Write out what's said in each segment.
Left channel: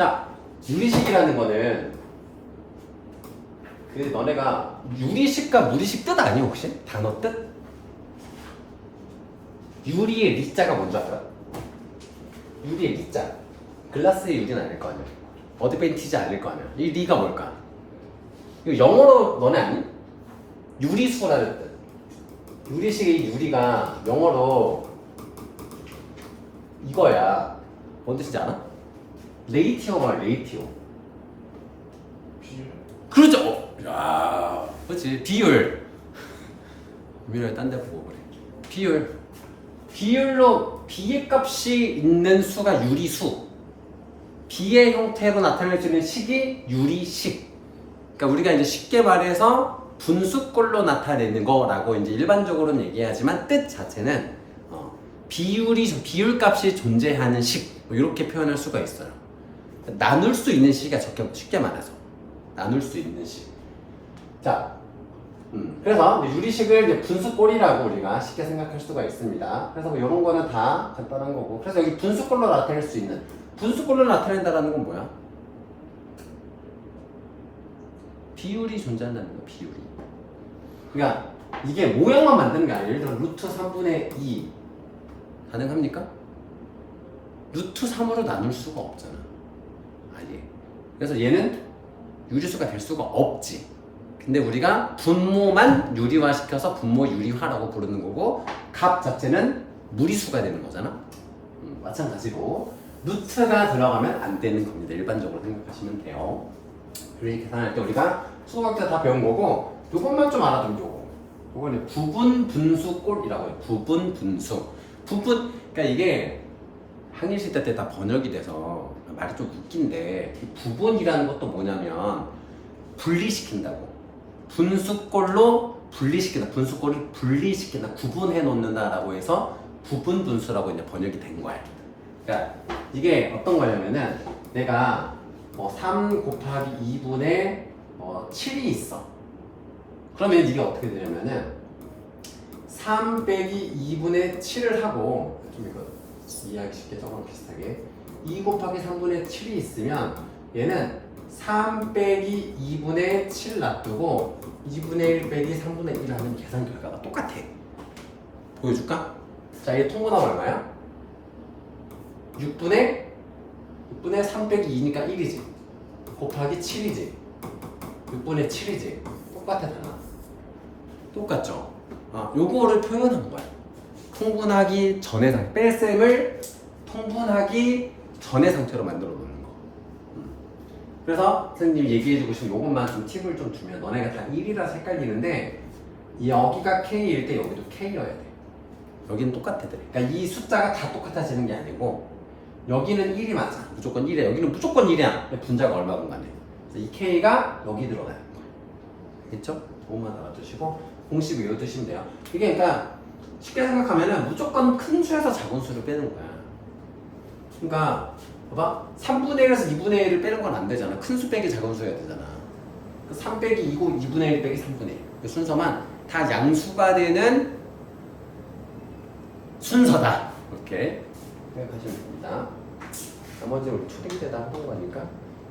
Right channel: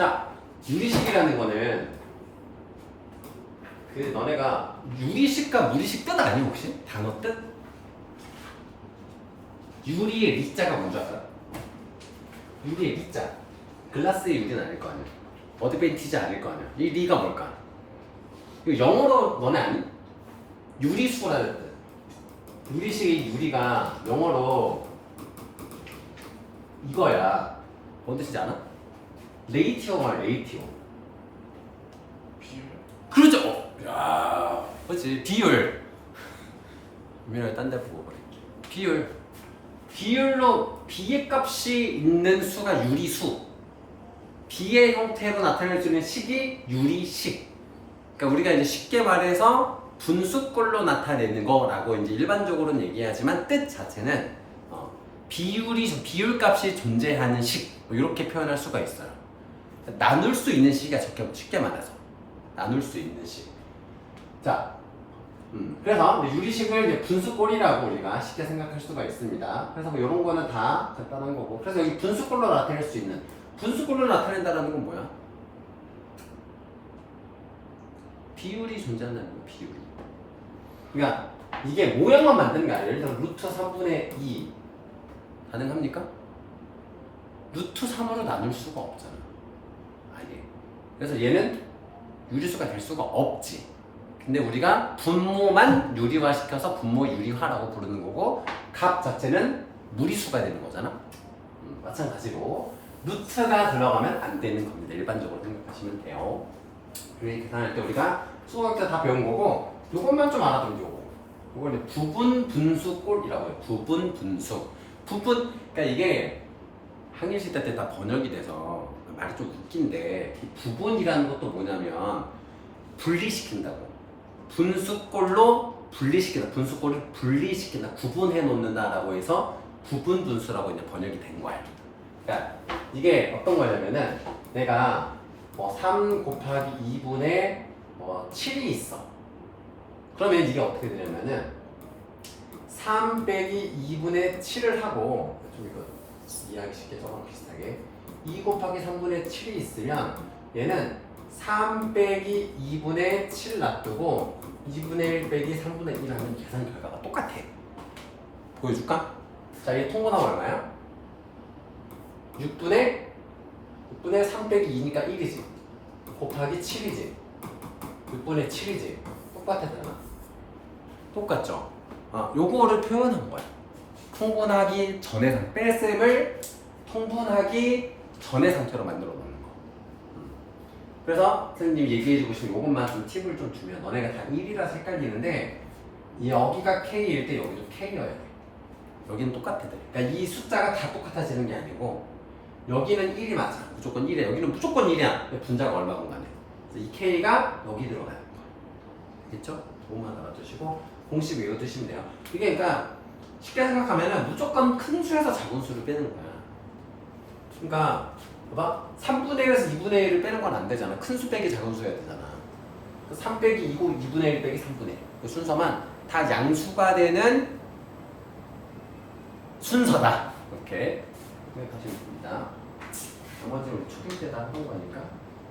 자, 유리식이라는 거는 그 너네가 유리식과 무리식 뜻 아니야 혹시? 단어 뜻? 유리의 리자가 뭔지 알아? 유리의 리자. 글라스의 유리는 아닐 거 아니야. 어드밴티지 아닐 거 아니야. 이 리가 뭘까? 이거 영어로 너네 아니? 유리수라는 뜻. 유리식의 유리가 영어로 이거야. 뭔 뜻인지 알아? 레이티오가 레이티오. 비율? 그렇죠. 야, 그렇지. 비율. 유민아 딴 데 보고 그래. 비율. 비율로 B의 값이 있는 수가 유리수. B의 형태로 나타낼 수 있는 식이 유리식. 그러니까 우리가 이제 쉽게 말해서 분수꼴로 나타내는 거라고 이제 일반적으로는 얘기하지만 뜻 자체는 비율값이 존재하는 식 이렇게 표현할 수가 있어요. 나눌 수 있는 식이야. 쉽게 말해서 나눌 수 있는 식. 자, 그래서 유리식을 이제 분수꼴이라고 우리가 쉽게 생각할 수가 있습니다. 그래서 뭐 이런 거는 다 간단한 거고. 그래서 여기 분수꼴로 나타낼 수 있는 분수꼴로 나타낸다라는 건 뭐야? 비율이 존재한다는 거야. 비율이. 그러니까 이게 모양만 만드는 게 아니라 예를 들어 루트 3분의 2 가능합니까? 루트 3으로 나눌 수가 없잖아. 아예. 그래서 얘는 유리수가 될 수가 없지. 근데 우리가 분모만 유리화시켜서 분모 유리화라고 부르는 거고 값 자체는 무리수가 되는 거잖아. 마찬가지로 루트가 들어가면 안 되는 겁니다. 일반적으로 생각하시면 돼요. 그래서 계산할 때 우리가 수학자 다 배운 거고 요것만 좀 알아두면 요거. 요거는 부분 분수꼴이라고 해요. 부분 분수. 그러니까 이게 항일시대 때 다 번역이 돼서 말이 좀 웃긴데 이 부분이라는 것도 뭐냐면 분리시킨다고. 분수꼴로 분리시킨다. 분수꼴을 분리시킨다. 구분해 놓는다라고 해서 부분 분수라고 이제 번역이 된 거야. 그러니까 이게 어떤 거냐면은 내가 뭐 3 곱하기 2분의 7이 있어. 그러면 이게 어떻게 되냐면은 3 빼기 2분의 7을 하고 좀 이거 이해하기 쉽게 저거랑 비슷하게 2 곱하기 3분의 7이 있으면 얘는 3 빼기 2분의 7 놔두고 2분의 1 빼기 3분의 1 하면 계산 결과가 똑같아. 보여줄까? 자, 이게 통분하면 얼마야? 6분의 3 빼기 2니까 1이지. 곱하기 7이지. 6분의 7이지. 똑같아, 달라. 똑같죠? 요거를 표현한 거야. 통분하기 전의 상태. 뺄셈을 통분하기 전의 상태로 만들어 놓는 거. 그래서 선생님이 얘기해주고 싶은 요것만 좀 팁을 좀 주면 너네가 다 1이라서 헷갈리는데 여기가 K일 때 여기도 K여야 돼. 여기는 똑같아. 그러니까 이 숫자가 다 똑같아지는 게 아니고 여기는 1이 맞아. 무조건 1이야. 여기는 무조건 1이야. 분자가 얼마건 간에. 그래서 이 K가 여기 들어가는 거야. 알겠죠? 그것만 알아두시고 공식 외워두시면 돼요. 이게 그러니까 쉽게 생각하면은 무조건 큰 수에서 작은 수를 빼는 거야. 그러니까 봐봐. 3분의 1에서 2분의 1을 빼는 건 안 되잖아. 큰 수 빼기 작은 수여야 되잖아. 3 빼기 2고 2분의 1 빼기 3분의 1. 그 순서만 다 양수가 되는 순서다. 이렇게 생각하시면 됩니다. 나머지 우리 초딩 때다 하는 거니까.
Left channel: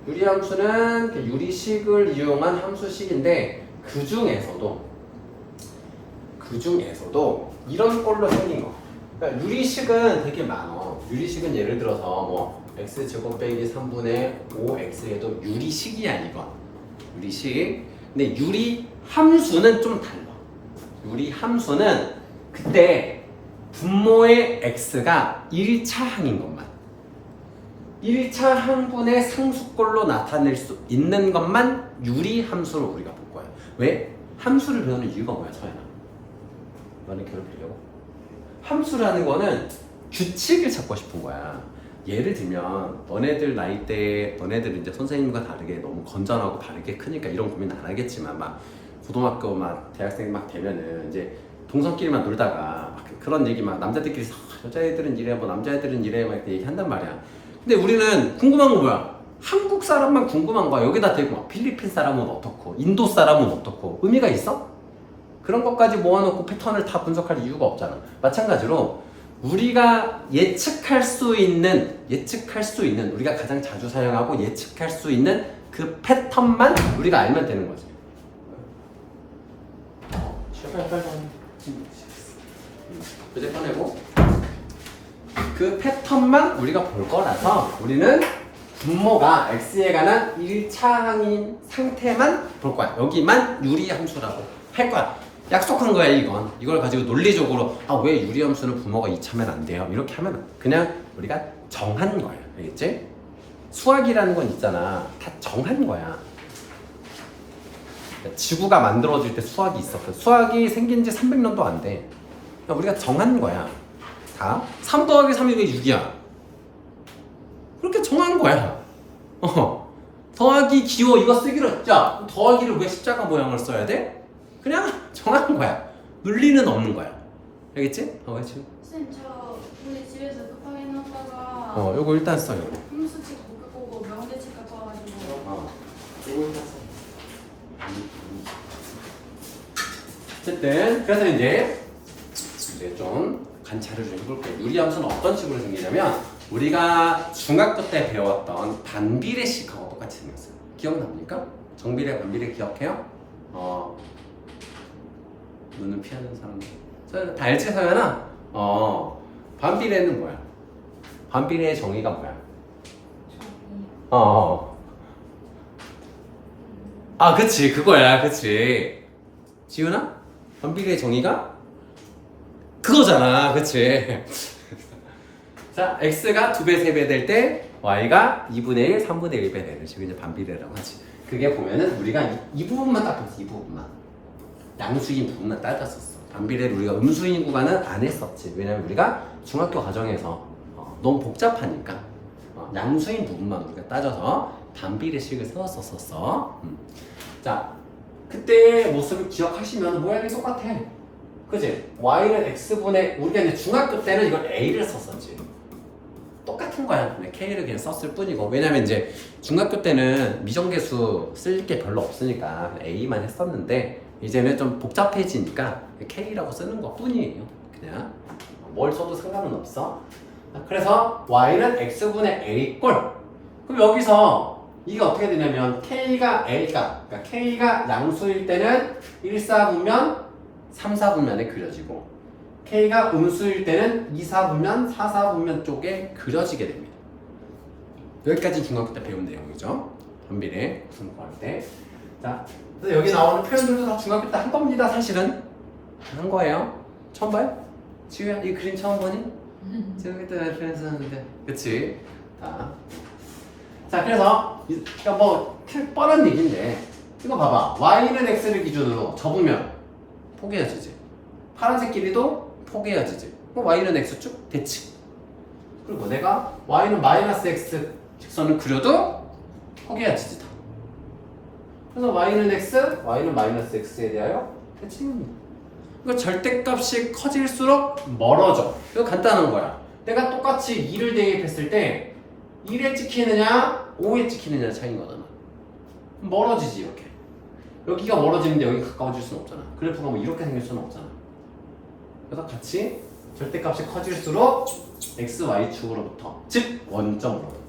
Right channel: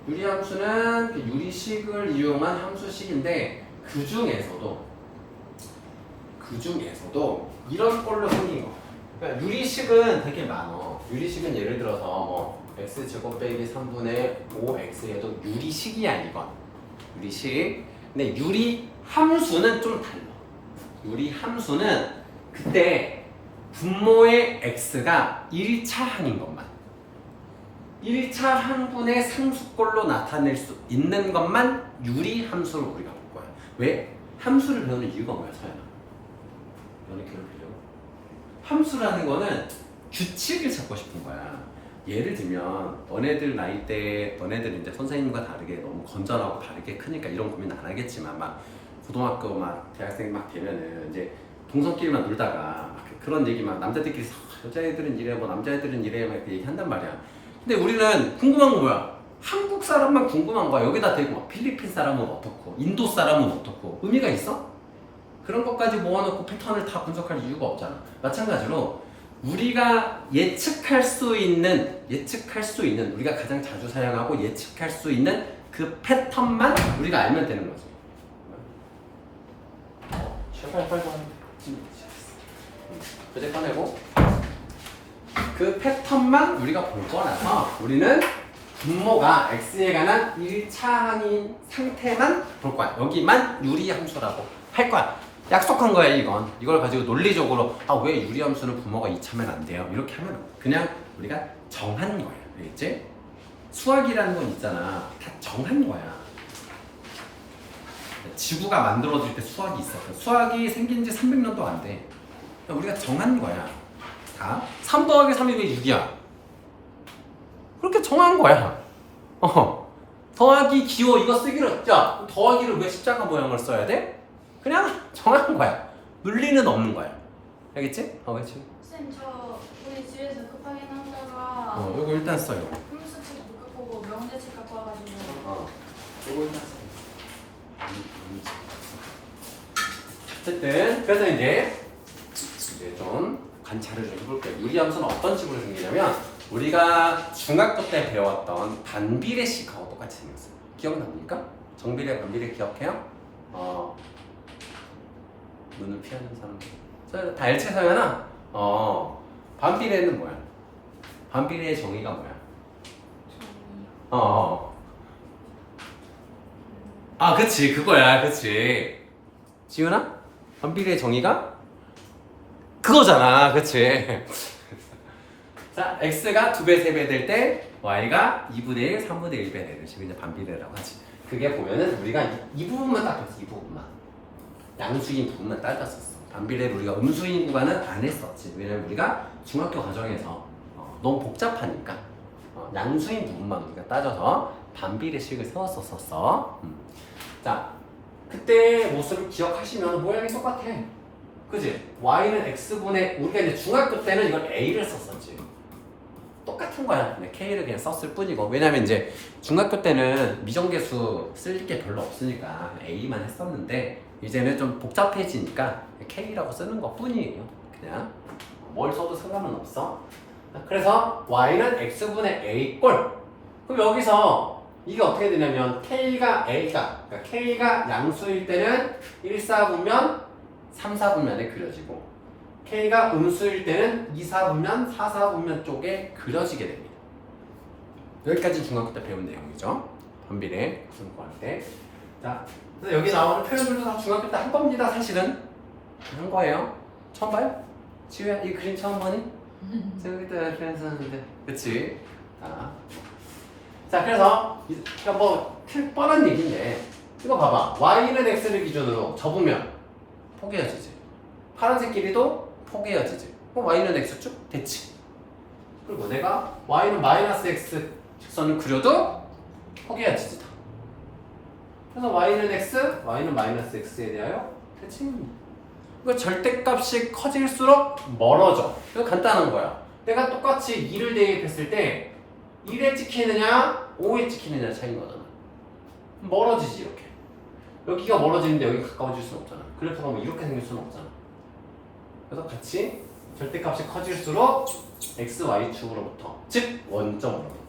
유리함수는 유리식을 이용한 함수식인데 그 중에서도 이런 꼴로 생긴 거. 그러니까 유리식은 되게 많어. 유리식은 예를 들어서 뭐 x제곱 빼기 3분의 5x에도 유리식이야 이건. 유리식. 근데 유리함수는 좀 달라. 유리함수는 그때 분모의 x가 1차 항인 것만 1차 항분의 상수꼴로 나타낼 수 있는 것만 유리함수로 우리가 볼 거야. 왜? 함수를 배우는 이유가 뭐야, 서연아? 너네 괴롭히려고? 함수라는 거는 규칙을 찾고 싶은 거야. 예를 들면 너네들 나이 때 너네들 이제 선생님과 다르게 너무 건전하고 바르게 크니까 이런 고민 안 하겠지만 막 고등학교 막 대학생 막 되면은 이제 동성끼리만 놀다가 막 그런 얘기 막 남자들끼리 여자애들은 이래 뭐 남자애들은 이래 막 이렇게 얘기한단 말이야. 근데 우리는 궁금한 거 뭐야? 한국 사람만 궁금한 거야. 여기다 대고 막 필리핀 사람은 어떻고 인도 사람은 어떻고 의미가 있어? 그런 것까지 모아놓고 패턴을 다 분석할 이유가 없잖아. 마찬가지로 우리가 예측할 수 있는 우리가 가장 자주 사용하고 예측할 수 있는 그 패턴만 우리가 알면 되는 거지. 이제 꺼내고 그 패턴만 우리가 볼 거라서 우리는 분모가 x에 관한 1차항인 상태만 볼 거야. 여기만 유리함수라고 할 거야. 약속한 거야 이건. 이걸 가지고 논리적으로 왜 유리함수는 분모가 2차면 안 돼요? 이렇게 하면 그냥 우리가 정한 거야. 알겠지? 수학이라는 건 있잖아. 다 정한 거야. 지구가 만들어질 때 수학이 있었어. 수학이 생긴 지 300년도 안 돼. 그러니까 우리가 정한 거야. 다 3 더하기 3이 왜 6이야? 그렇게 정한 거야. 더하기 기호 이거 쓰기로 했죠? 더하기를 왜 십자가 모양을 써야 돼? 그냥 정한 거야. 논리는 없는 거야. 알겠지? 그렇지? 선생님 저 우리 집에서 급하게 나오다가 요거 일단 써요. 홈스책 못 갖고 오고 명제책 갖고 와가지고 요거 일단 써. 어쨌든 그래서 이제 좀 관찰을 좀 해볼게요. 유리함수는 어떤 식으로 생기냐면 우리가 중학교 때 배웠던 반비례식하고 똑같이 생겼어요. 기억납니까? 정비례, 반비례 기억해요? 눈을 피하는 사람들. 다 알지, 서연아? 반비례는 뭐야? 반비례의 정의가 뭐야? 그치, 그거야, 그치. 지은아? 반비례의 정의가? 그거잖아, 그치? 자, x가 2배, 3배 될 때 y가 2분의 1, 3분의 1배 되는 식으로 이제 반비례라고 하지. 그게 보면은 우리가 이 부분만 딱 봤어, 이 부분만. 양수인 부분만 따졌었어. 반비례를 우리가 음수인 구간은 안 했었지. 왜냐면 우리가 중학교 과정에서 너무 복잡하니까 양수인 부분만 우리가 따져서 반비례식을 세웠었어. 자, 그때 모습을 기억하시면 모양이 똑같아. 그지? y는 x분의 우리가 이제 중학교 때는 이걸 a를 썼었지. 똑같은 거야. 근데 k를 그냥 썼을 뿐이고. 왜냐면 이제 중학교 때는 미정계수 쓸 게 별로 없으니까 a만 했었는데 이제는 좀 복잡해지니까 k라고 쓰는 것 뿐이에요. 그냥 뭘 써도 상관은 없어. 그래서 y는 x분의 a 꼴. 그럼 여기서 이게 어떻게 되냐면 k가 그러니까 k가 양수일 때는 1, 4분면 3, 4분면에 그려지고 K가 음수일 때는 2, 4분면, 4, 4분면 쪽에 그려지게 됩니다. 여기까지 중학교 때 배운 내용이죠. 반비례 분모할 때. 자, 그래서 여기 나오는 표현들도 다 중학교 때 한 겁니다. 사실은 한 거예요. 처음 봐요? 지우야, 이 그림 처음 보니? 중학교 때 표현했었는데, 그치? 자, 그래서 그러니까 뭐 뻔한 얘기인데 이거 봐봐. y는 x를 기준으로 접으면 포개어지지. 파란색 길이도 포개어지지. 그럼 y는 x축 대칭. 그리고 내가 y는 마이너스 x 직선을 그려도 포개어지지 다. 그래서 y는 x, y는 마이너스 x에 대하여 대칭입니다. 이거 절대값이 커질수록 멀어져. 이거 간단한 거야. 내가 똑같이 2를 대입했을 때 1에 찍히느냐 5에 찍히느냐 차이인 거잖아. 멀어지지 이렇게. 여기가 멀어지는데 여기 가까워질 수는 없잖아. 그래프가 뭐 이렇게 생길 수는 없잖아. 그래서 같이 절대값이 커질수록 x, y축으로부터 즉 원점으로부터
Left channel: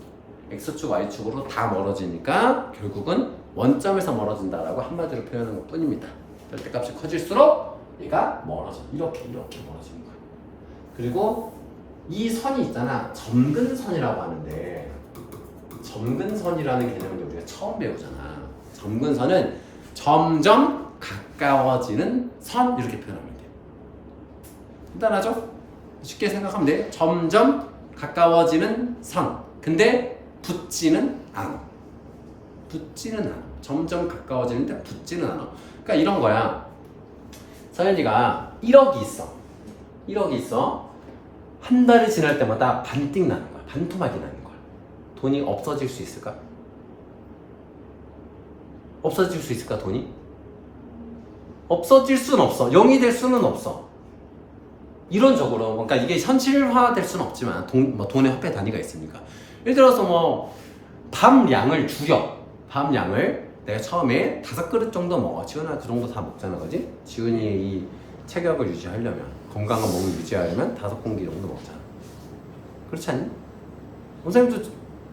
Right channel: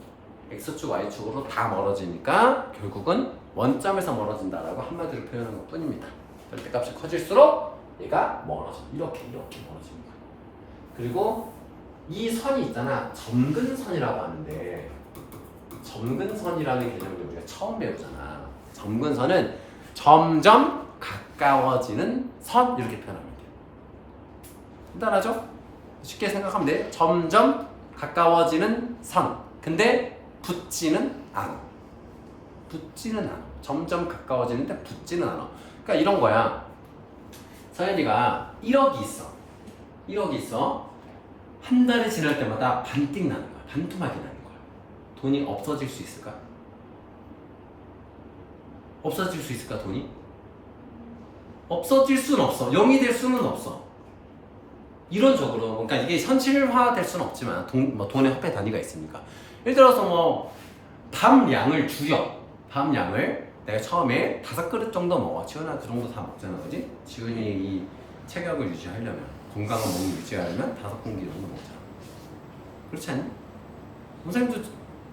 x축, y축으로 다 멀어지니까 결국은 원점에서 멀어진다라고 한마디로 표현한 것 뿐입니다. 절대값이 커질수록 얘가 멀어져. 이렇게 멀어지는 거야. 그리고 이 선이 있잖아. 점근선이라고 하는데 점근선이라는 개념을 우리가 처음 배우잖아. 점근선은 점점 가까워지는 선 이렇게 표현합니다. 간단하죠? 쉽게 생각하면 돼. 점점 가까워지는 선. 근데 붙지는 않아. 점점 가까워지는데 붙지는 않아. 그러니까 이런 거야. 서현이가 1억이 있어. 한 달이 지날 때마다 반띵 나는 거야. 반토막이 나는 거야. 돈이 없어질 수 있을까? 없어질 수 있을까, 돈이? 없어질 수는 없어. 0이 될 수는 없어. 이론적으로. 그러니까 이게 현실화 될 수는 없지만, 돈의 화폐 단위가 있으니까. 예를 들어서 밥 양을 줄여. 밥 양을 내가 처음에 5그릇 정도 먹어. 지훈아 그 정도 다 먹잖아, 그지? 지훈이 이 체격을 유지하려면. 건강한 몸을 유지하려면 5공기 정도 먹자. 그렇지 않니? 선생님도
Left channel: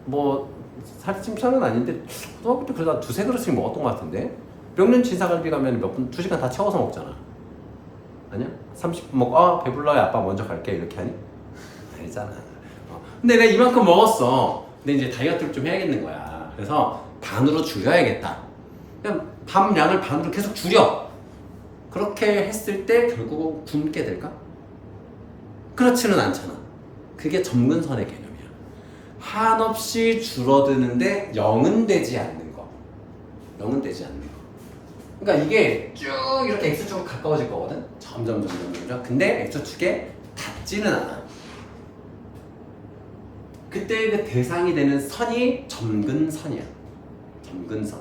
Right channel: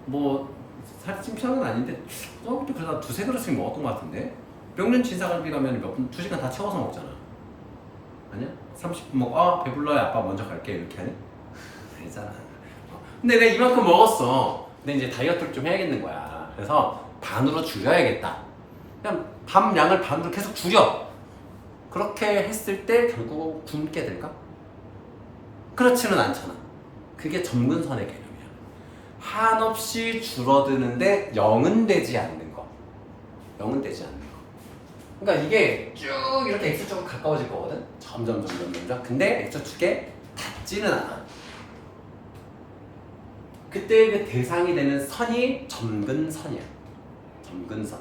뭐 살이 찜천은 아닌데 중학교 때 그래도 한 2-3그릇씩 먹었던 것 같은데 명륜 진사갈비 가면 몇 분, 2시간 다 채워서 먹잖아. 아니야? 30분 먹고 배불러요 아빠 먼저 갈게 이렇게 하니? 아니잖아. 근데 내가 이만큼 먹었어. 근데 이제 다이어트를 좀 해야겠는 거야. 그래서 반으로 줄여야겠다. 그냥 밥 양을 반으로 계속 줄여. 그렇게 했을 때 결국 굶게 될까? 그렇지는 않잖아. 그게 점근선의 개념이야. 한없이 줄어드는데 0은 되지 않는 거. 0은 되지 않는 거. 그러니까 이게 쭉 이렇게 X축으로 가까워질 거거든. 점점. 근데 X축에 닿지는 않아. 그때 그 대상이 되는 선이 점근선이야. 점근선.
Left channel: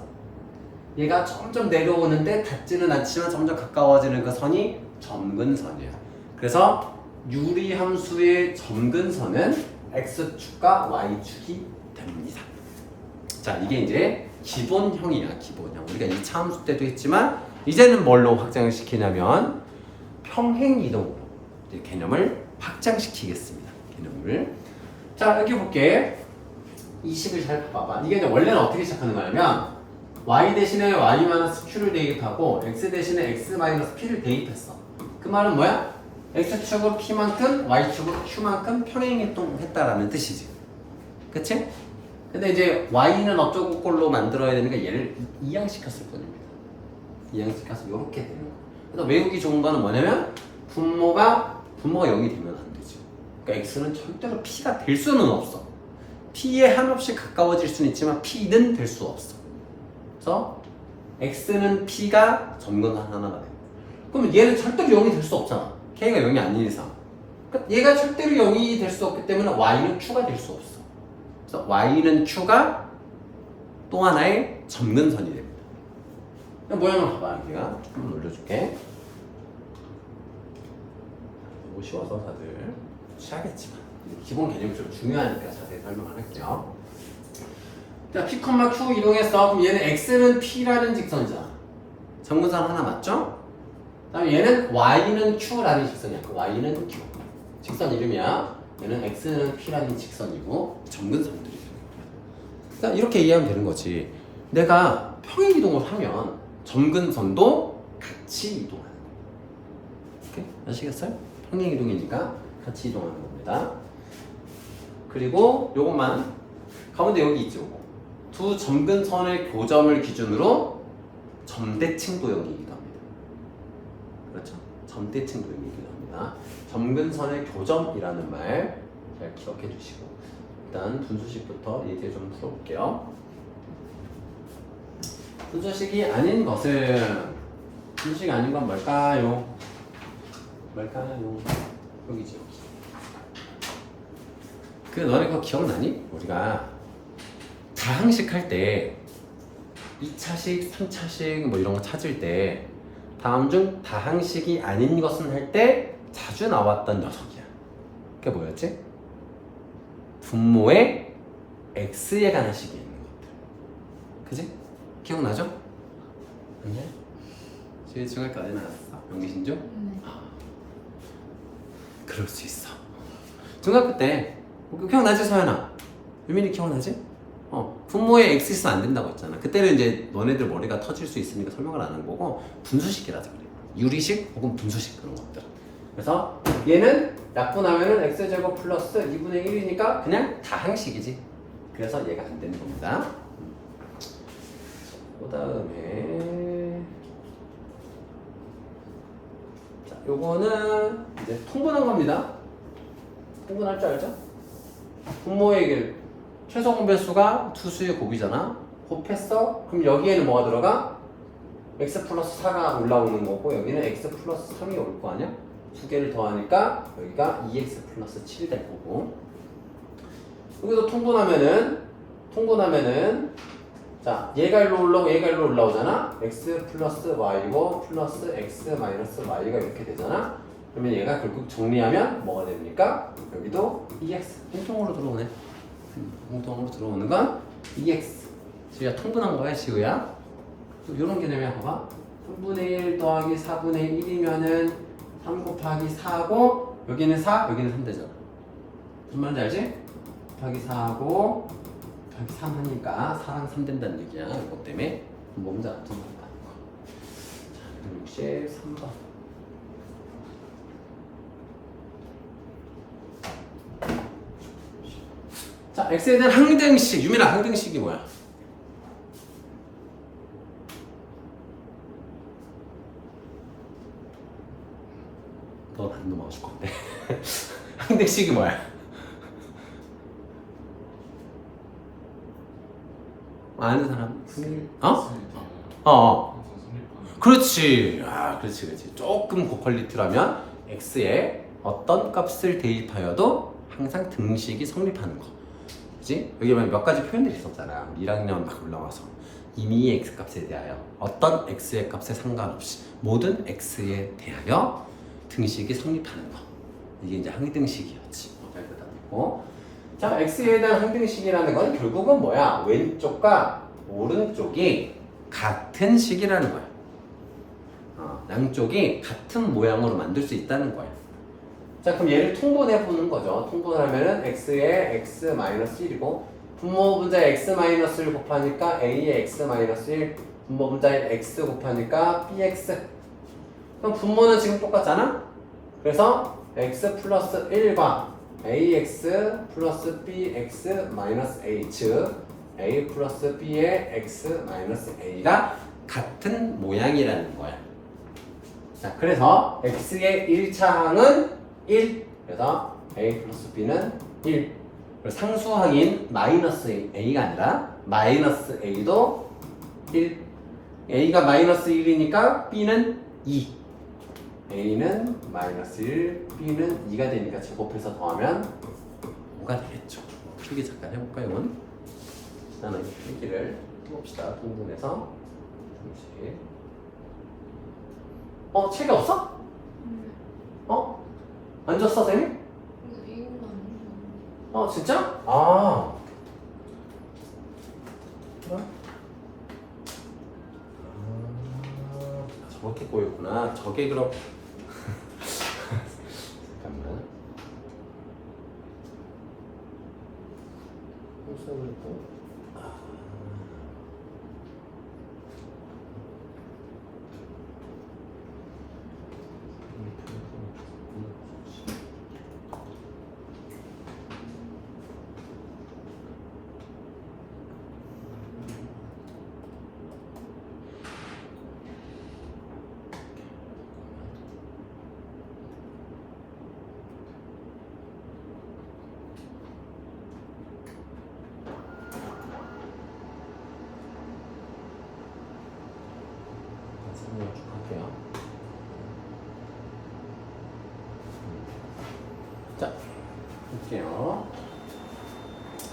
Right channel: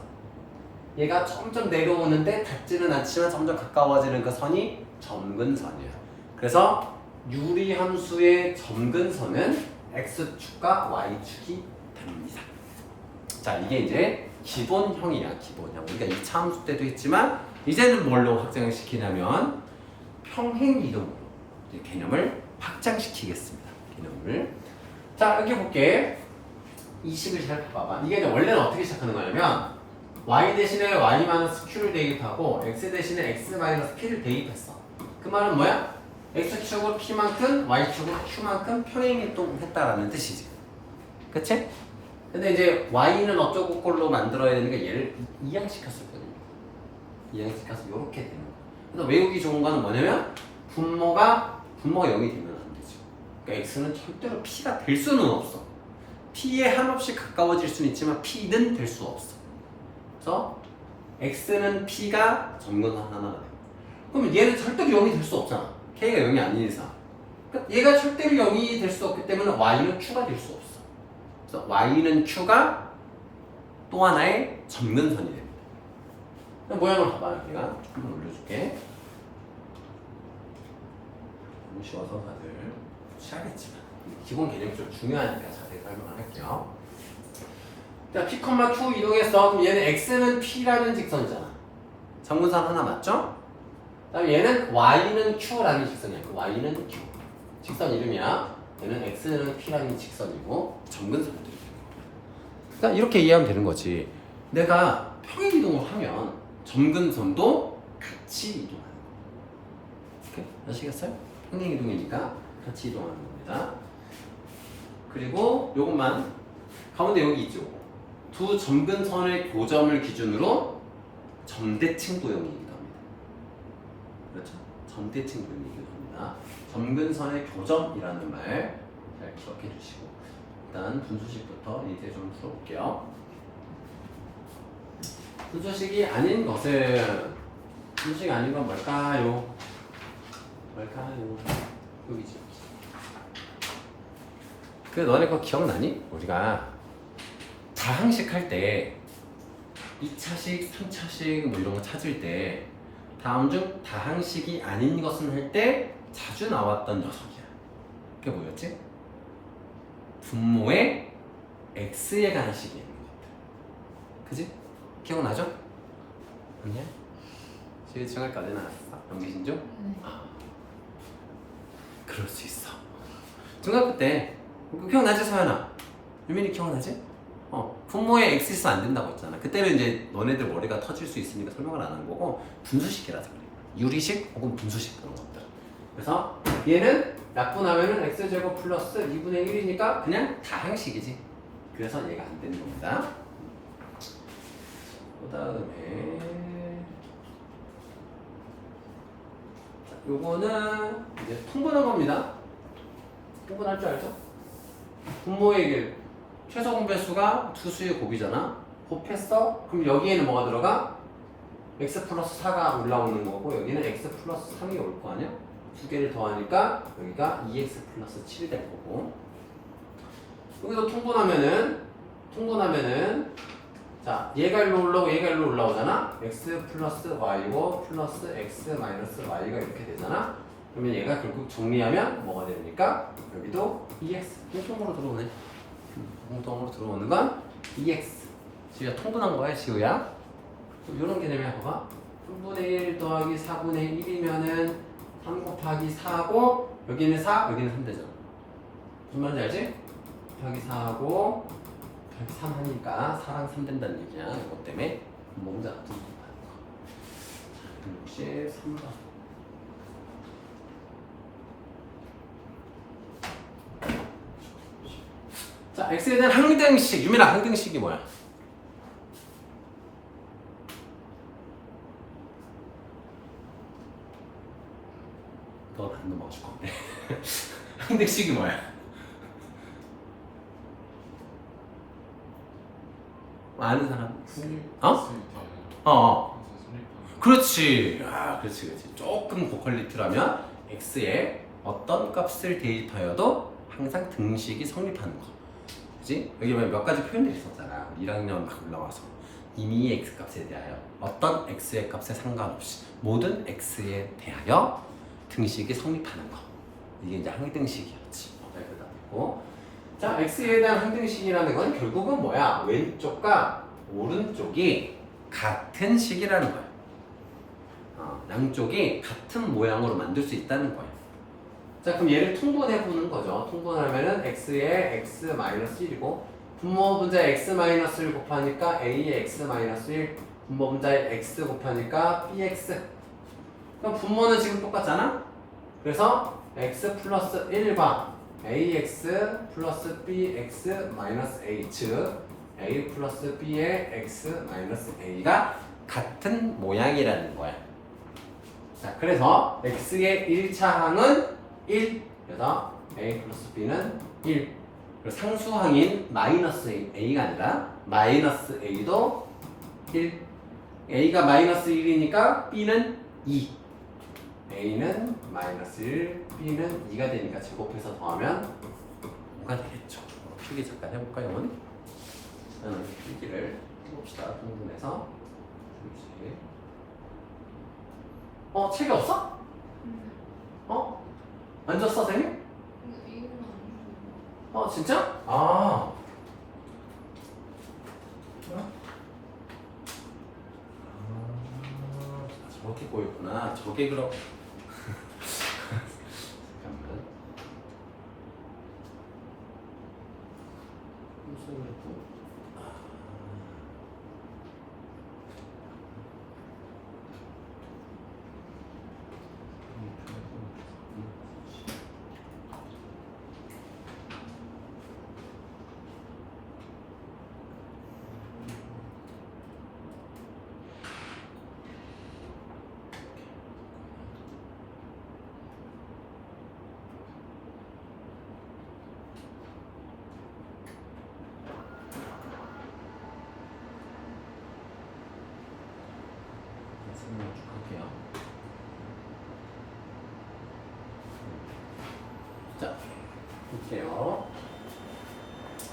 얘가 점점 내려오는데 닿지는 않지만 점점 가까워지는 그 선이 점근선이야. 그래서 유리함수의 점근선은 X축과 Y축이 됩니다. 자, 이게 이제 기본형이야, 기본형. 우리가 2차 함수 때도 했지만 이제는 뭘로 확장시키냐면 평행이동으로 이 개념을 확장시키겠습니다. 개념을. 자, 여기 볼게. 이 식을 잘 봐봐. 이게 이제 원래는 어떻게 시작하는 거냐면 y 대신에 y-q를 대입하고 x 대신에 x-p를 대입했어. 그 말은 뭐야? x축으로 p만큼 y축으로 q만큼 평행이동했다라는 뜻이지. 그치? 근데 이제 y는 어쩌고 꼴로 만들어야 되니까 얘를 이양시켰을 뿐입니다. 이양시켜서 이렇게 되는 거. 그래서 외우기 좋은 거는 뭐냐면 분모가 0이 되면 안 되지. 그러니까 x는 절대로 p가 될 수는 없어. p에 한없이 가까워질 수는 있지만 p는 될 수 없어. 그래서 x는 p가 점근 하나가 돼. 그럼 얘는 절대로 0이 될 수 없잖아. k가 0이 아닌 이상. 그러니까 얘가 절대로 0이 될 수 없기 때문에 y는 q가 될 수 없어. 그래서 y는 q가 또 하나의 점근선이 됩니다. 모양을 봐봐. 여기가 한번 올려줄게. 너무 쉬워서 다들 취하겠지만 기본 개념이 좀 중요하니까 자세히 설명을 할게요. 자, p, q 이동했어. 그럼 얘는 x는 p라는 직선이잖아. 점근선 하나 맞죠? 그다음에 얘는 y는 q라는 직선이야. 그 y는 q. 직선 이름이야. 얘는 x는 p라는 직선이고 점근선들이죠. 그러니까 이렇게 이해하면 되는 거지. 내가 평행 이동을 하면 점근선도 같이 이동하는 거야. 오케이? 아시겠어요? 평행 이동이니까 같이 이동하는 겁니다. 그리고 요것만 가운데 여기 있죠. 두 점근선의 교점을 기준으로 점대칭 도형이기도 합니다. 그렇죠? 점대칭 도형이기도 합니다. 점근선의 교점이라는 말 잘 기억해 주시고 일단 분수식부터 예제 좀 풀어볼게요. 분수식이 아닌 것은 분수식이 아닌 건 뭘까요? 뭘까요? 여기지. 그 너네 거 기억나니? 우리가 다항식 할 때 2차식, 3차식 뭐 이런 거 찾을 때 다음 중 다항식이 아닌 것은 할 때 자주 나왔던 녀석이야. 그게 뭐였지? 분모에 x에 관한 식이 있는 것들. 그지? 기억나죠? 맞네? 지금 중학교까지 나왔어? 영기신 중? 그럴 수 있어. 중학교 때 기억나지 서연아? 유민이 기억나지? 분모에 x 있으면 안 된다고 했잖아. 그때는 이제 너네들 머리가 터질 수 있으니까 설명을 안 한 거고 분수식이라서 그래. 유리식 혹은 분수식 그런 것들. 그래서 얘는 약분하면은 x제곱 플러스 2분의 1이니까 그냥 다항식이지. 그래서 얘가 안 되는 겁니다. 그 다음에 자, 요거는 이제 통분한 겁니다. 통분할 줄 알죠? 분모의 길 최소 공배수가 투수의 곱이잖아. 곱했어? 그럼 여기에는 뭐가 들어가? x 플러스 4가 올라오는 거고 여기는 x 플러스 3이 올 거 아니야? 두 개를 더하니까 여기가 2x 플러스 7이 될 거고 여기서 통분하면은 자 얘가 일로 올라오고 얘가 일로 올라오잖아. x 플러스 y고 플러스 x 마이너스 y가 이렇게 되잖아. 그러면 얘가 결국 정리하면 뭐가 됩니까? 여기도 2x 공통으로 들어오네. 공통으로 들어오는 건 2x. 지우야 통분한 거야 지우야. 이런 개념이야. 봐봐. 3분의 1 더하기 4분의 1이면은 3 곱하기 4하고 여기는 4, 여기는 3 되죠. 무슨 말인지 알지? 곱하기 4하고 곱하기 3 하니까 4랑 3 된다는 얘기야. 이것 때문에 분모분자 같은 거 곱하는 거. 자, 63번. 자, x에 대한 항등식, 유민아 항등식이 뭐야? 넌 안 넘어가줄 건데. 항등식이 뭐야? 아는 사람? 그렇지. 아, 그렇지. 조금 고퀄리티라면 x에 어떤 값을 대입하여도 항상 등식이 성립하는 거. 그치? 여기 몇 가지 표현들이 있었잖아. 1학년 막 올라와서 이미 x 값에 대하여 어떤 x의 값에 상관없이 모든 x에 대하여 등식이 성립하는 거. 이게 이제 항등식이었지. 발표답이고. 자, x에 대한 항등식이라는 건 결국은 뭐야? 왼쪽과 오른쪽이 같은 식이라는 거야. 양쪽이 같은 모양으로 만들 수 있다는 거야. 자, 그럼 얘를 통분해 보는 거죠. 통분하면은 x에 x-1이고 분모분자에 x-1을 곱하니까 a에 x-1, 분모분자에 x 곱하니까 bx. 그럼 분모는 지금 똑같잖아? 그래서 x 플러스 1과 ax 플러스 bx 마이너스 a 즉 a 플러스 b의 x 마이너스 a가 같은 모양이라는 거야. 자, 그래서 x의 1차 항은 1, 그래서 a 플러스 b는 1. 상수항인 마이너스 a가 아니라 마이너스 a도 1. a가 마이너스 1이니까 b는 2. a는 마이너스 1, b는 2가 되니까 제곱해서 더하면 5가 되겠죠. 필기 잠깐 해볼까요? 나는 필기를 해봅시다. 공분해서 책이 없어? 안 줬어, 선생님? 이거는 아니고. 진짜? 저렇게 꼬였구나. 저게 그럼 잠깐만. 할게요. 자, 볼게요.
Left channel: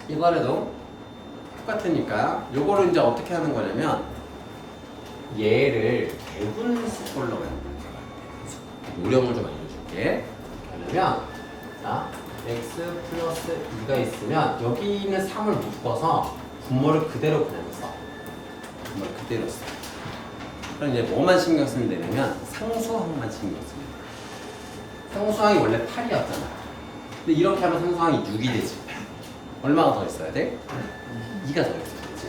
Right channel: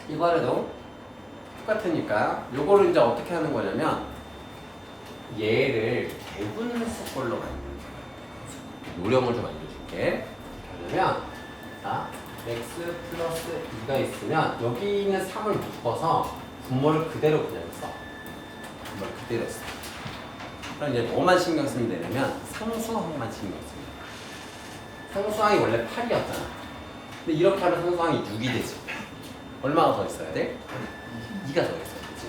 이번에도 똑같으니까 요거를 이제 어떻게 하는 거냐면 얘를 대분수꼴로 만드는 거야. 요령을 좀 알려줄게. 하려면 자, x 플러스 2가 있으면 여기 있는 3을 묶어서 분모를 그대로 그냥 써. 분모를 그대로 써. 그럼 이제 뭐만 신경 쓰면 되냐면 상수항만 신경 씁니다. 상수항이 원래 8이었잖아. 근데 이렇게 하면 상수항이 6이 되지. 얼마가 더 있어야 돼? 2가 더 있어야 되지.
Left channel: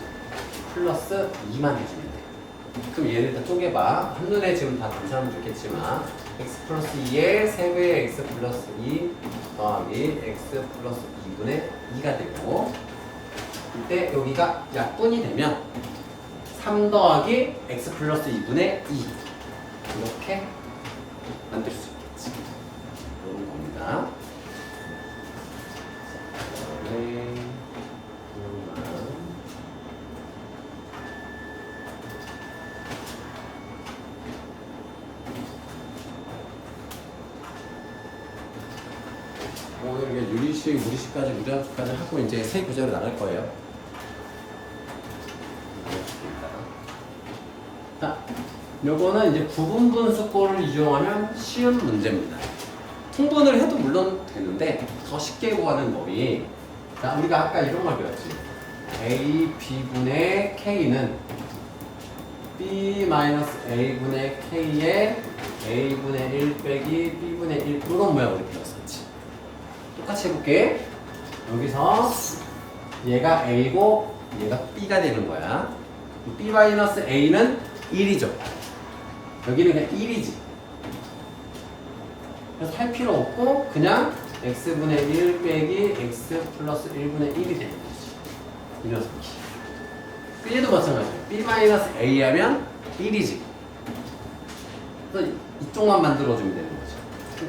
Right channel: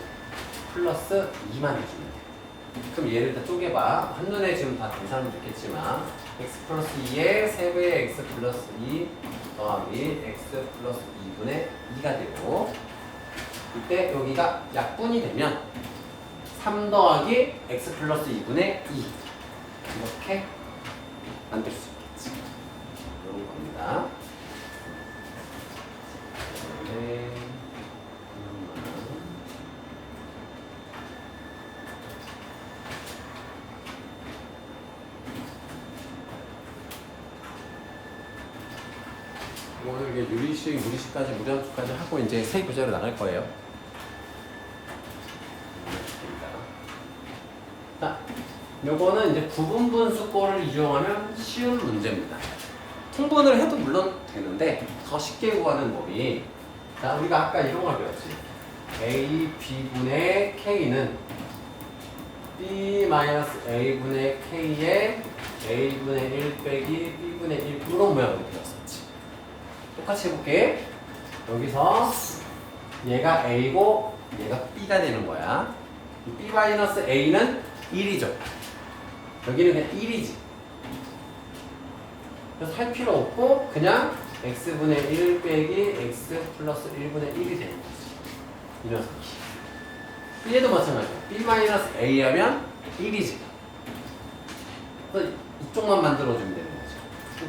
플러스 2만 해주면 돼. 그럼 얘를 다 쪼개봐. 한눈에 지금 다 된 사람도 있겠지만 x 플러스 2에 3배의 x 플러스 2 더하기 x 플러스 2분의 2가 되고 이때 여기가 약분이 되면 3 더하기 x 플러스 2분의 2 이렇게 만들 수 있겠지. 이런 겁니다. 오늘 이게 유리식, 무리식까지, 무리식까지 하고 이제 세 구절에 나갈 거예요. 자, 요거는 이제 부분분수꼴을 이용하면 쉬운 문제입니다. 통분을 해도 물론 되는데 더 쉽게 구하는 법이 자, 우리가 아까 이런 걸 배웠지. A, B분의 K는 b-a분의 k에 a분의 1 빼기 b분의 1 이런 모양으로 되었었지. 똑같이 해볼게. 여기서 얘가 a고 얘가 b가 되는 거야. b-a는 1이죠. 여기는 그냥 1이지. 그래서 할 필요 없고 그냥 x분의 1 빼기 x 플러스 1분의 1이 되는 거지. 이 녀석이. b에도 마찬가지야. b-a 하면 1이지. 그래서 이쪽만 만들어주면 되는 거죠.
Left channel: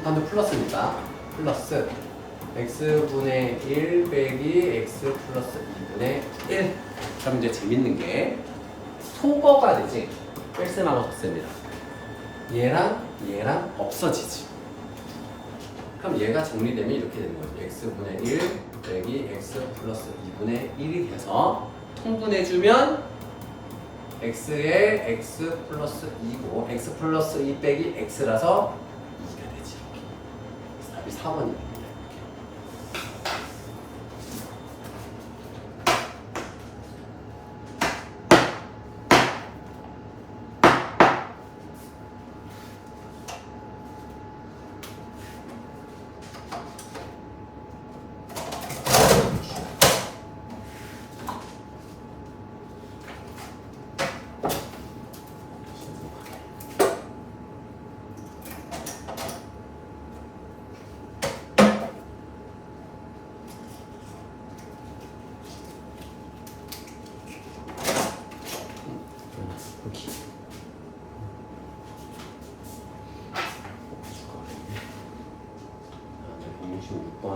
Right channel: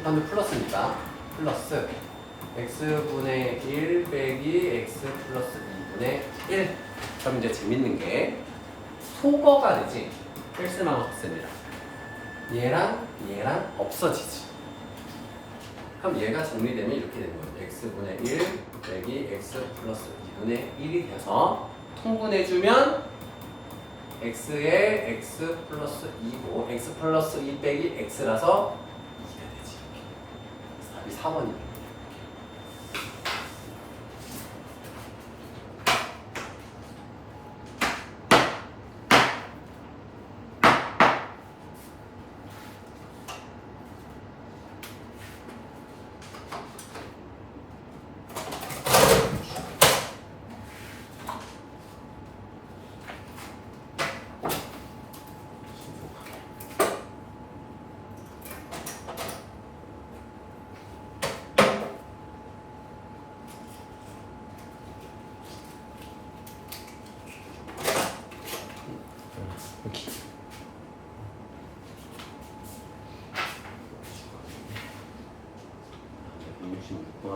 반대 플러스니까 플러스 x분의 1 빼기 x 플러스 2분의 1. 그럼 이제 재밌는 게 소거가 되지. 뺄셈하고 곱셈이랑 얘랑 없어지지. 그럼 얘가 정리되면 이렇게 되는 거죠. x분의 1 빼기 x 플러스 2분의 1이 돼서 통분해주면 x에 x 플러스 2고 x 플러스 2 빼기 x라서 2가 되지. 답이 4번이에요.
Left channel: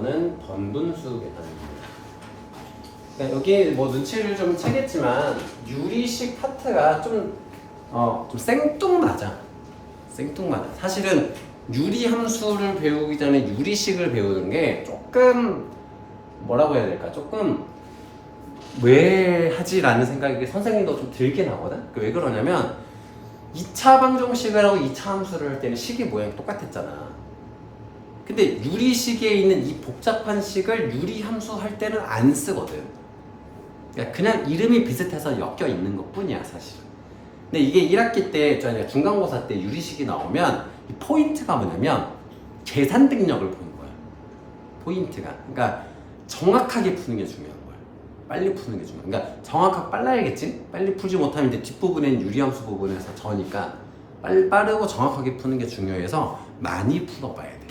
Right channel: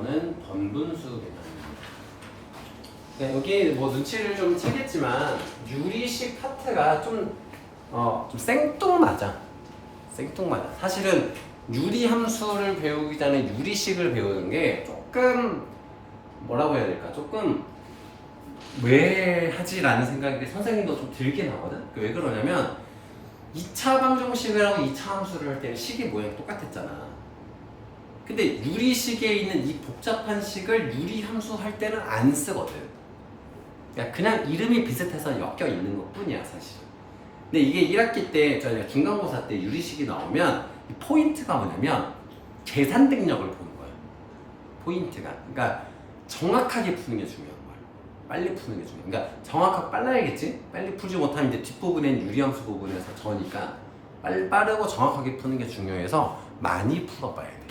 는 번분수 계산입니다. 여기 뭐 눈치를 좀 채겠지만 유리식 파트가 좀 생뚱맞아. 생뚱맞아. 사실은 유리 함수를 배우기 전에 유리식을 배우는 게 조금 뭐라고 해야 될까? 조금 왜 하지라는 생각이 선생님도 좀 들긴 하거든. 왜 그러냐면 2차 방정식을 하고 2차 함수를 할 때는 식이 모양이 똑같았잖아. 근데 유리식에 있는 이 복잡한 식을 유리 함수 할 때는 안 쓰거든. 그냥 이름이 비슷해서 엮여 있는 것 뿐이야 사실. 근데 이게 1학기 때 저희가 중간고사 때 유리식이 나오면 이 포인트가 뭐냐면 계산 능력을 보는 거야. 포인트가. 그러니까 정확하게 푸는 게 중요한 거야. 빨리 푸는 게 중요해. 그러니까 정확하고 빨라야겠지? 빨리 풀지 못하면 이제 뒷부분엔 유리함수 부분에서 저니까 빠르고 정확하게 푸는 게 중요해서 많이 풀어봐야 돼.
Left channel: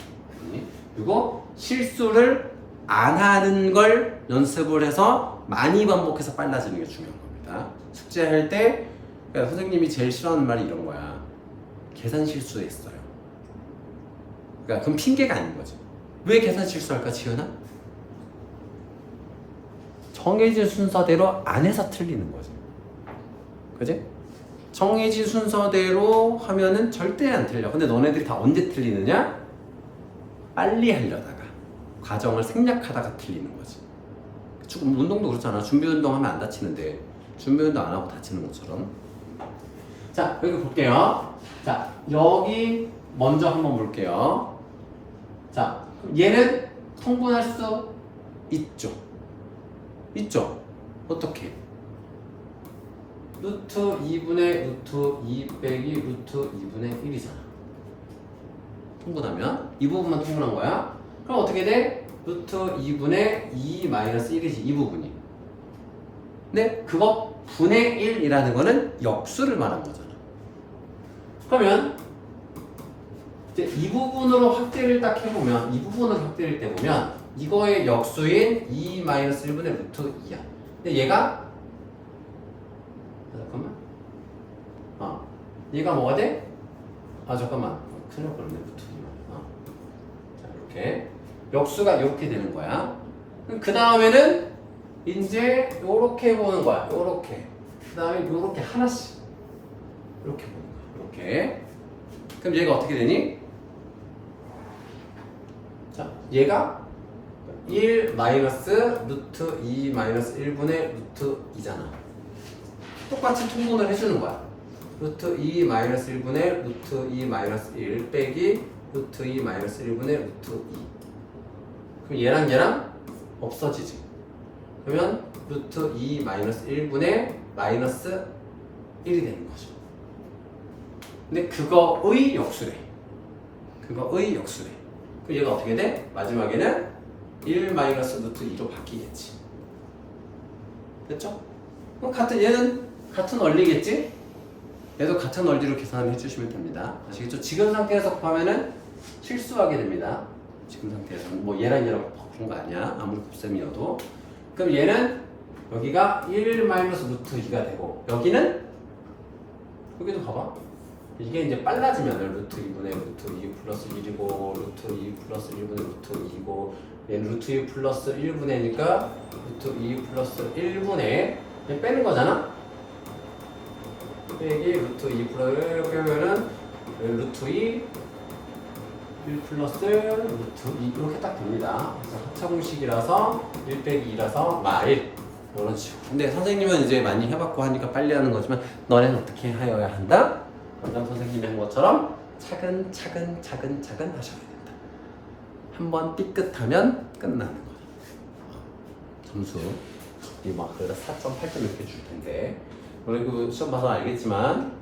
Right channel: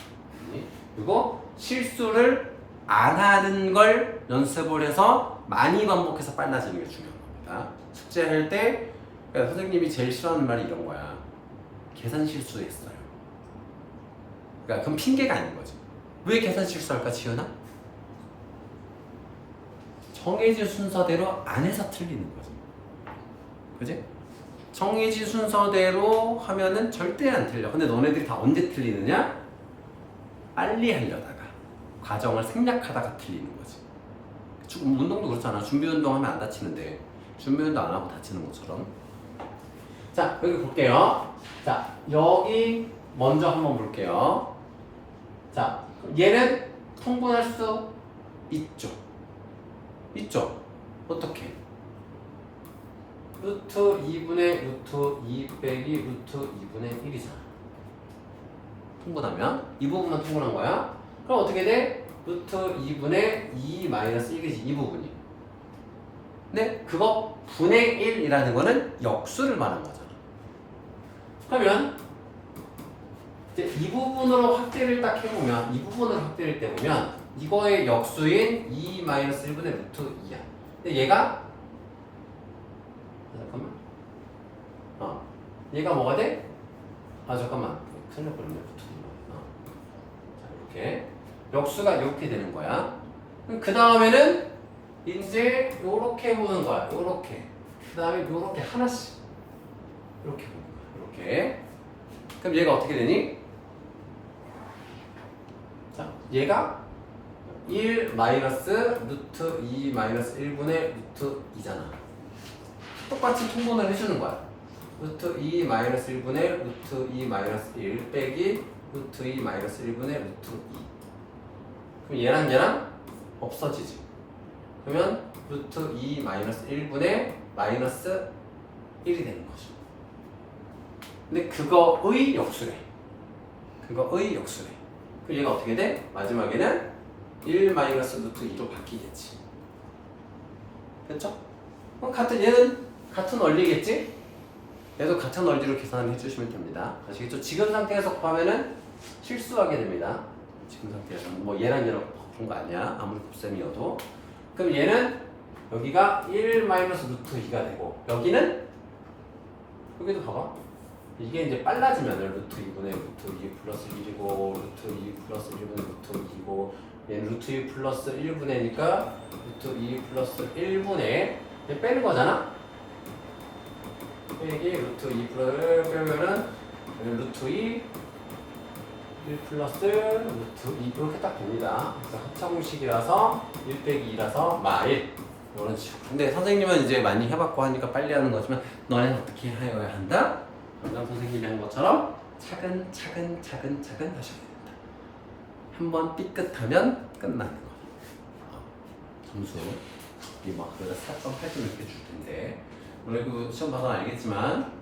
그리고 실수를 안 하는 걸 연습을 해서 많이 반복해서 빨라지는 게 중요한 겁니다. 숙제할 때 그러니까 선생님이 제일 싫어하는 말이 이런 거야. 계산 실수했어요. 그러니까 그럼 핑계가 아닌 거지. 왜 계산 실수할까 지연아? 정해진 순서대로 안 해서 틀리는 거지. 그지? 정해진 순서대로 하면은 절대 안 틀려. 근데 너네들이 다 언제 틀리느냐? 빨리 하려다가 과정을 생략하다가 틀리는 거지. 조금 운동도 그렇잖아. 준비 운동 하면 안 다치는데 준비 운동 안 하고 다치는 것처럼. 자, 여기 볼게요. 자, 여기 먼저 한번 볼게요. 자, 얘는 통분할 수 있죠. 있죠. 어떻게? 루트 2분의 루트 2 빼기 루트 2분의 1이잖아. 통분하면 이 부분만 통분한 거야. 그럼 어떻게 돼? 루트 2분의 2 마이너스 1이지 이 부분이. 근데 그거 분의 1이라는 거는 역수를 말하는 거잖아. 그러면 이제 이 부분으로 확대를 딱 해보면 이 부분으로 확대를 때 보면 이거의 역수인 2 마이너스 1분의 루트 2야. 근데 얘가 잠깐만. 얘가 뭐가 돼? 잠깐만. 큰일 날 뻔했네. 루트 2만. 자, 이렇게 역수가 이렇게 되는 거야. 그 다음에는 이제 요렇게 보는 거야. 요렇게. 그 다음에 요렇게 하나씩 이렇게 보는 거야. 이렇게. 그럼 얘가 어떻게 되니? 자, 얘가 1 마이너스 루트 2 마이너스 1분의 루트 2잖아. 똑같이 통분을 해주는 거야. 루트 2 마이너스 1분의 루트 2 마이너스 1 빼기 루트 2 마이너스 1분의 루트 2. 그럼 얘랑 없어지지. 그러면 루트 2 마이너스 1분의 마이너스 1이 되는 거죠. 근데 그거의 역수래. 그거의 역수래. 그 얘가 어떻게 돼? 마지막에는 1 마이너스 루트 2로 바뀌겠지. 됐죠? 그럼 얘는 같은 원리겠지? 얘도 같은 원리로 계산해 주시면 됩니다. 아시겠죠? 지금 상태에서 구하면은 실수하게 됩니다. 지금 상태에서는 뭐 얘랑 바꾼 거 아니야. 아무리 곱셈이어도. 그럼 얘는 여기가 1 마이너스 루트 2가 되고 여기는 여기도 봐봐. 이게 이제 빨라지면은 루트 2분의 루트 2 플러스 1이고 루트 2 플러스 1분의 루트 2고 얘는 루트 2 플러스 1분의니까 루트 2 플러스 1분의 얘 빼는 거잖아? 빼기 루트 2 플러스 빼면은 루트 2 1 플러스 루트 2 이렇게 딱 됩니다. 그래서 합차공식이라서 1 빼기 2라서 마일 이런 식으로. 근데 선생님은 이제 많이 해봤고 하니까 빨리 하는 거지만 너는 어떻게 하여야 한다? 원장 선생님이 한 것처럼 차근차근 하셔야 됩니다. 한번 삐끗하면 끝나는 거예요. 점수 이막 그래서 4.8점 이렇게 줄 텐데 그리고 시험 봐서 알겠지만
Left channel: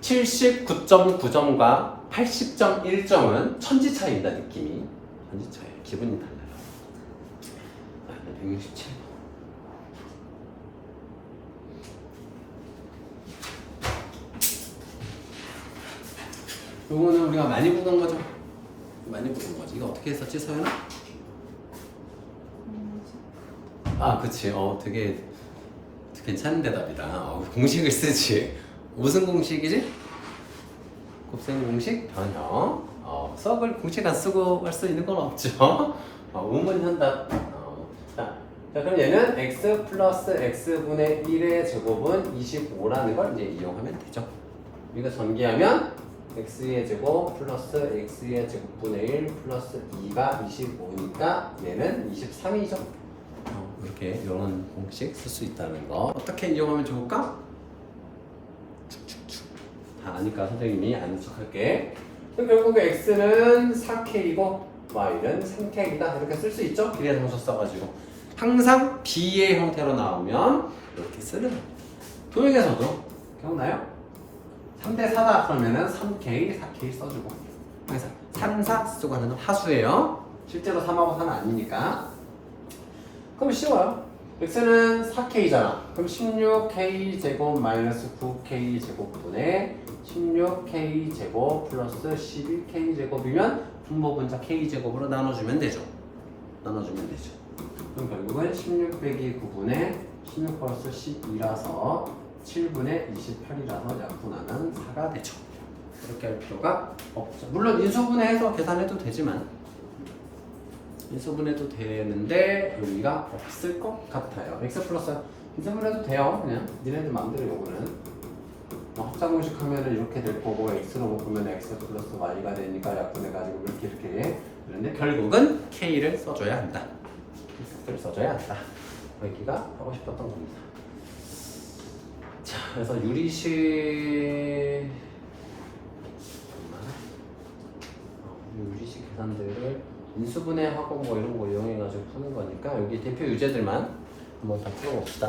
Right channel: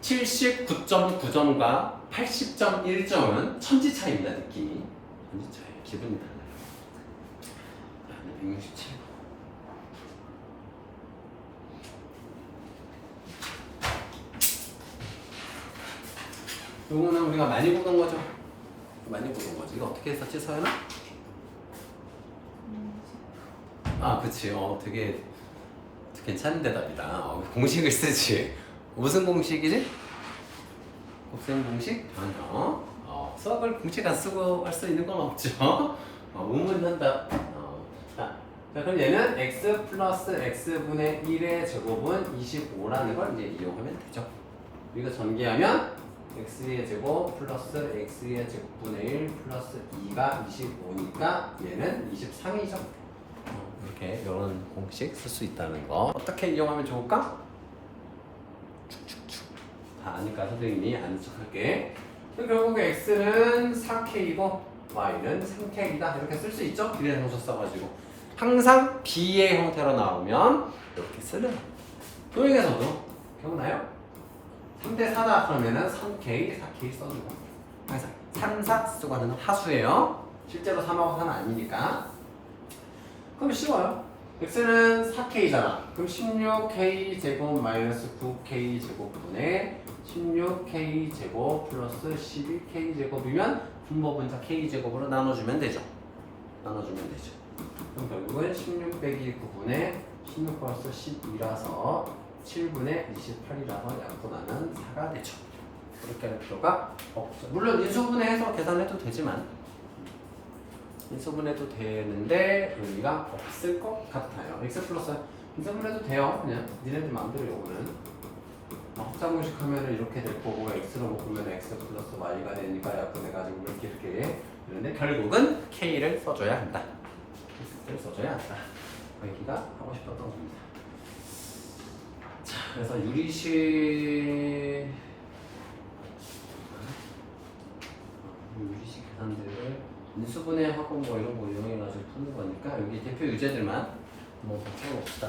79.9점과 80.1점은 천지 차이입니다. 느낌이 천지 차이, 기분이 달라요. 167. 요거는 우리가 많이 보던 거죠. 많이 보던 거지. 이거 어떻게 했었지, 서연아? 아, 그치. 되게 괜찮은 대답이다. 공식을 쓰지. 무슨 공식이지? 곱셈 공식? 전혀. 썩을 공식 안 쓰고 할 수 있는 건 없죠. 운문 현답. 자, 그럼 얘는 x 플러스 x분의 1의 제곱은 25라는 걸 이제 이용하면 되죠. 이거 전개하면 x의 제곱 플러스 x의 제곱분의 1 플러스 2가 25니까 얘는 23이죠. 이렇게 이런 공식 쓸 수 있다는 거. 어떻게 이용하면 좋을까? 축축축. 다 아니까 선생님이 아는 척 할게. 결국에 x는 4k이고 y는 3k이다. 이렇게 쓸 수 있죠? 비례 함수 써가지고. 항상 b의 형태로 나오면 이렇게 쓰는 거예요. 도형에서도 기억나요? 3대 4다 그러면은 3k, 4k 써주고 항상 3, 4 쓰고 하는 건 하수예요. 실제로 3하고 4는 아니니까. 그럼 쉬워요. x는 4k잖아. 그럼 16k 제곱 마이너스 9k 제곱분의 16k 제곱 플러스 12k 제곱이면 분모분자 k 제곱으로 나눠주면 되죠. 나눠주면 되죠. 그럼 결국은 16 빼기 9분의 16 플러스 12라서 7분의 28이라서 약분하면 4가 되죠. 그렇게 할 필요가 없죠. 물론 인수분해해서 계산해도 되지만 인수분해도 되는데 의미가 없을 것 같아요. x 플러스 인수분해도 돼요. 그냥 니네들 마음대로 요거는 합산공식 하면은 이렇게 될 거고 x로 묶으면 x 플러스 y가 되니까 약분해가지고 이렇게 그런데 결국은 k를 써줘야 한다. x를 써줘야 한다. 그 얘기가 하고 싶었던 겁니다. 자, 그래서 유리식 계산들을 인수분해하고 뭐 이런 거 이용해가지고 푸는 거니까 여기 대표 유제들만 한번 다 풀어봅시다.